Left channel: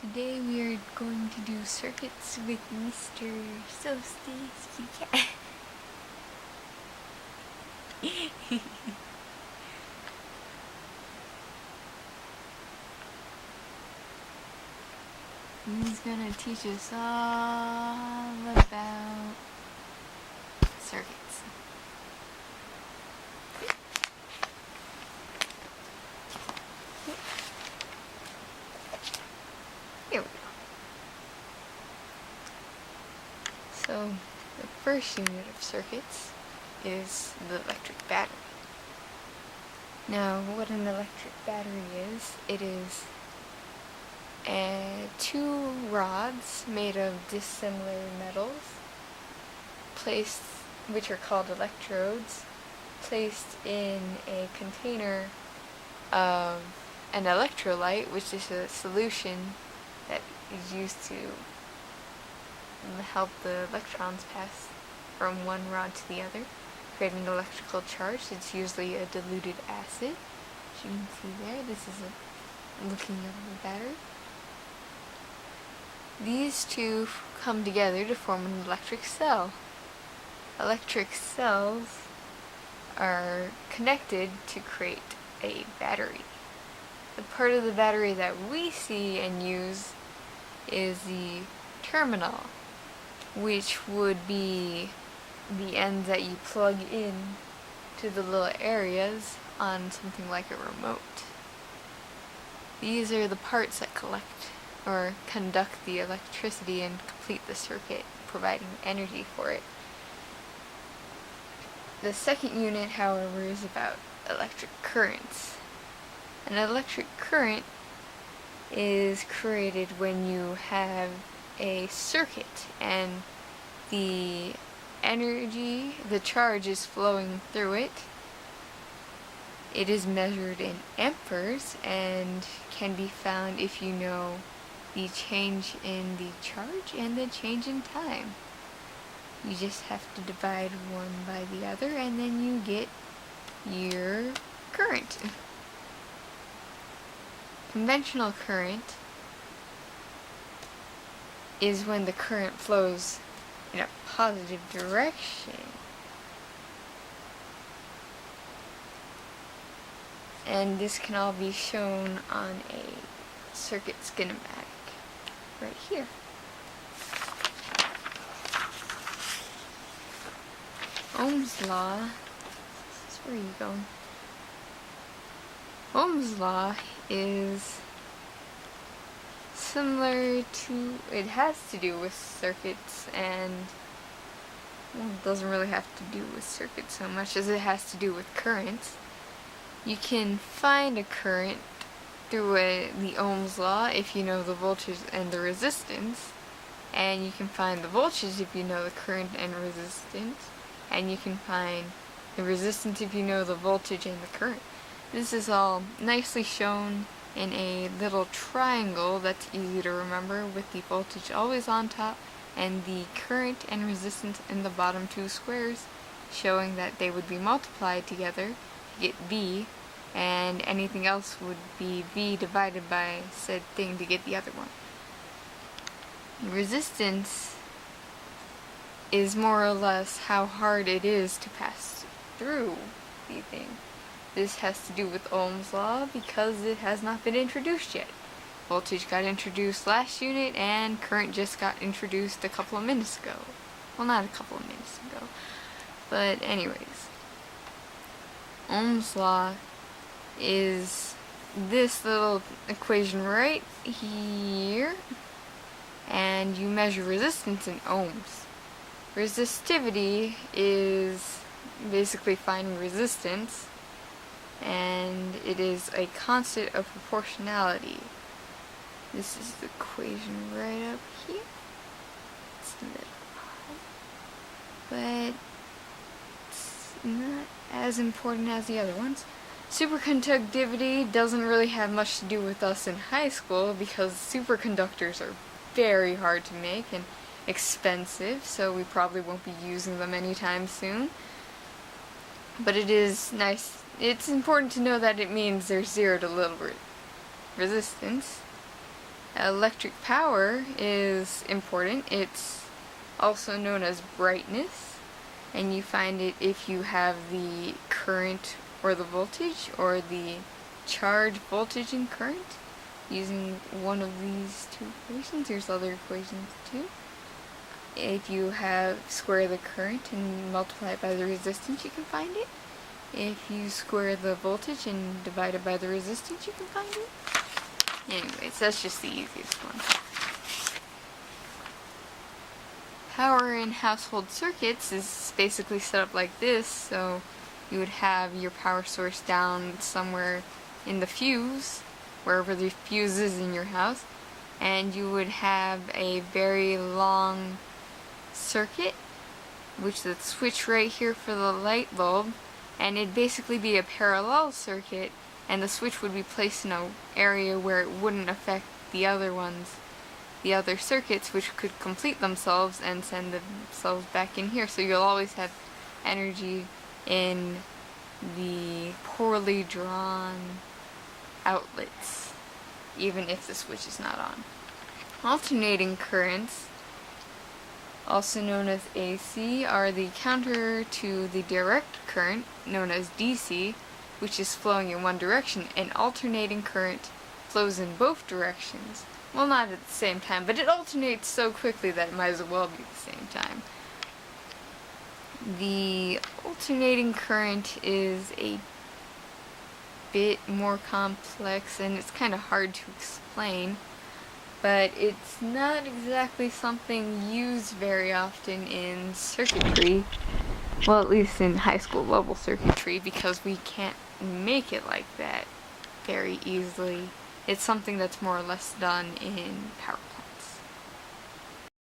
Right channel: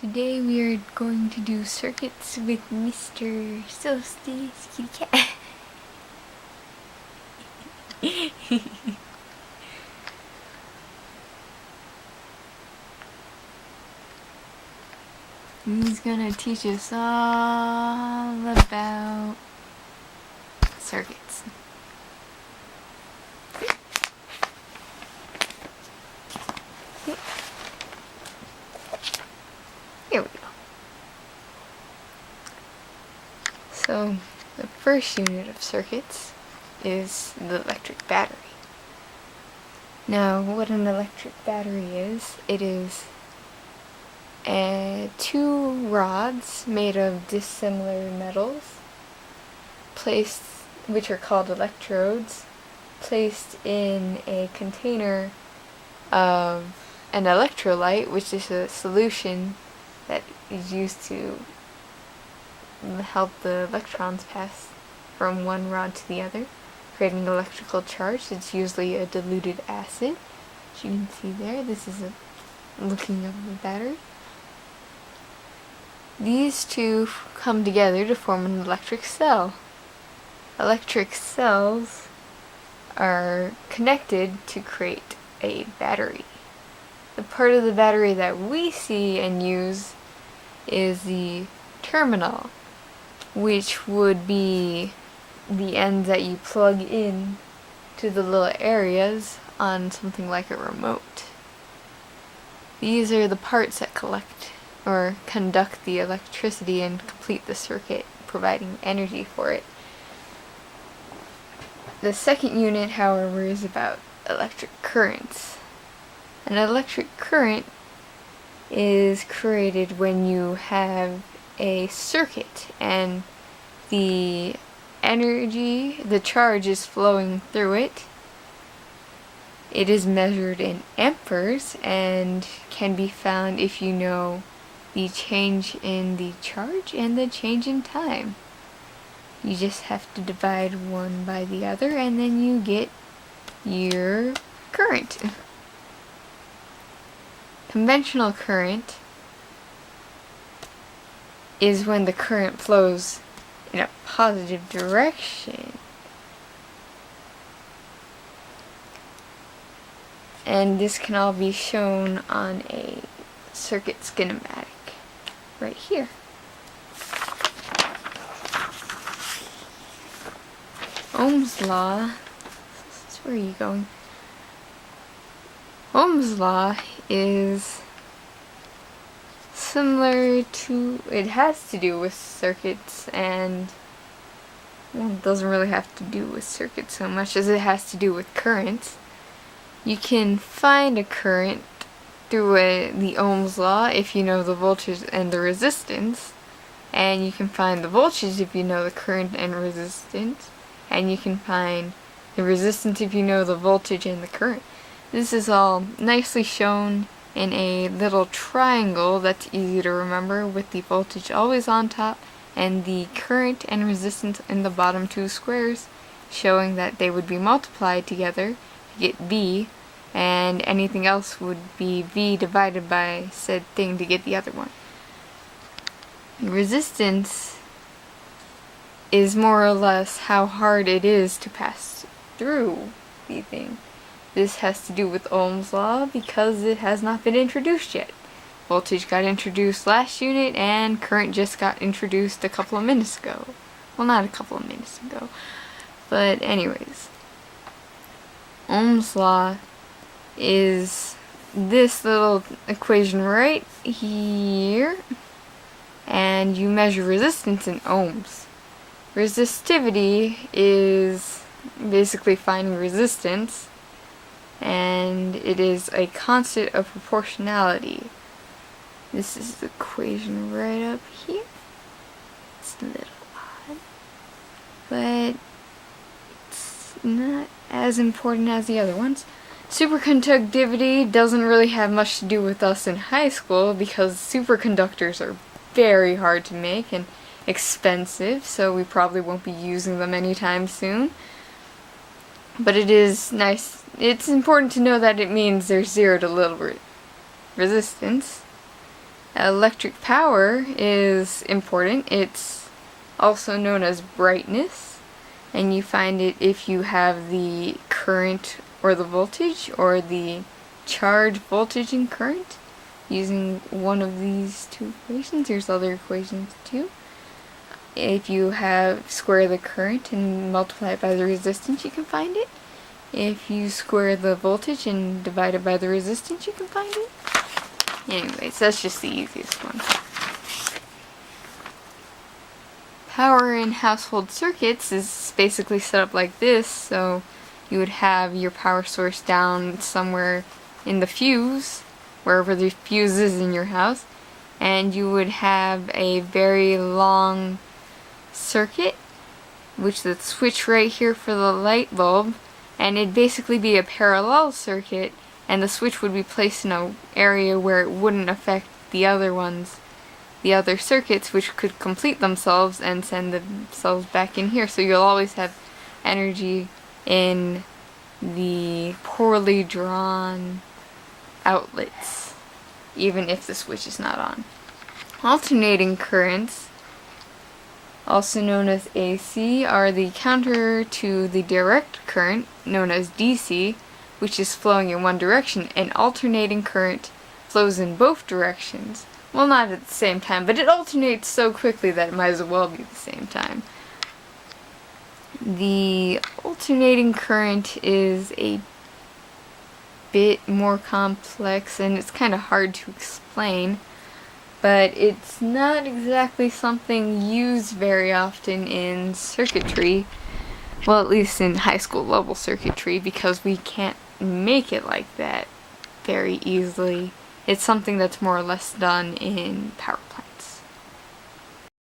Today we are going to do circuits with Mr. Solstice Kitty Cat. He's gonna teach us all about circuits. Here we go. So, the first unit of circuits is the electric battery. Now, what an electric battery is, it is two rods made of dissimilar metals, which are called electrodes, placed in a container of an electrolyte, which is a solution that is used to help the electrons pass from one rod to the other, creating electrical charge. It's usually a diluted acid. As you can see there, this is a looking of the battery. These two come together to form an electric cell. Electric cells are connected to create a battery. The part of the battery that we see and use is the terminal, which would be the ends that you plug in to the little areas on something like a remote. These are the parts that collect or conduct the electricity and complete the circuit, providing energy for it. The second unit, however, is about electric currents. An electric current is created when you have a circuit and the energy, the charge is flowing through it. It is measured in amperes and can be found if you know the change in the charge and the change in time. You just have to divide one by the other and then you get your current. Conventional current is when the current flows in a positive direction. And this can all be shown on a circuit schematic right here. Ohm's law, where are you going? Ohm's law is similar to, it has to do with circuits and, well, it doesn't really have to do with circuits so much as it has to do with currents. You can find a current through the Ohm's law if you know the voltage and the resistance, and you can find the voltage if you know the current and resistance, and you can find the resistance if you know the voltage and the current. This is all nicely shown in a little triangle that's easy to remember, with the voltage always on top and the current and resistance in the bottom two squares, showing that they would be multiplied together to get V, and anything else would be V divided by said thing to get the other one. Resistance is more or less how hard it is to pass through the thing. This has to do with Ohm's law because it has not been introduced yet. Voltage got introduced last unit and current just got introduced a couple of minutes ago. Well, not a couple of minutes ago, but anyways. Ohm's law is this little equation right here, and you measure resistance in ohms. Resistivity is basically finding resistance, and it is a constant of proportionality. This is the equation right up here. It's a little odd, but it's not as important as the other ones. Superconductivity doesn't really have much to do with us in high school because superconductors are very hard to make and expensive, so we probably won't be using them anytime soon. But it is nice. It's important to know that it means there's zero to little resistance. Electric power is important. It's also known as brightness, and you find it if you have the current or the voltage or the charge, voltage, and current using one of these two equations. There's other equations too. If you have square the current and multiply it by the resistance, you can find it. If you square the voltage and divide it by the resistance, you can find it. Anyways, that's just the easiest one. Power in household circuits is basically set up like this, so you would have your power source down somewhere in the fuse, wherever the fuse is in your house, and you would have a very long circuit, which is the switch right here for the light bulb, and it'd basically be a parallel circuit, and the switch would be placed in an area where it wouldn't affect the other ones, the other circuits, which could complete themselves and send themselves back in here. So you'll always have energy in the poorly drawn outlets, even if the switch is not on. Alternating currents, also known as AC, are the counter to the direct current, known as DC, which is flowing in one direction. An alternating current flows in both directions. Well, not at the same time, but it alternates so quickly that it might as well be the same time. The alternating current is a bit more complex, and it's kind of hard to explain, but it's not exactly something used very often in circuitry. Well, at least in high school level circuitry, because we can't make it like that very easily. It's something that's more or less done in power plants.